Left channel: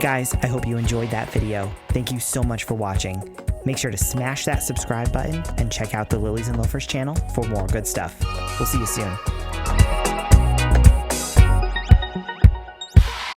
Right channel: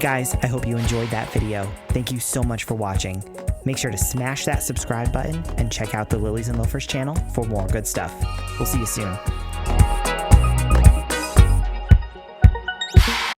guys, I hope you enjoyed that video. Thank you so much for watching. Make sure to smash that subscribe button and check out the Lilies and Loafers channel for more good stuff. We'll see you soon.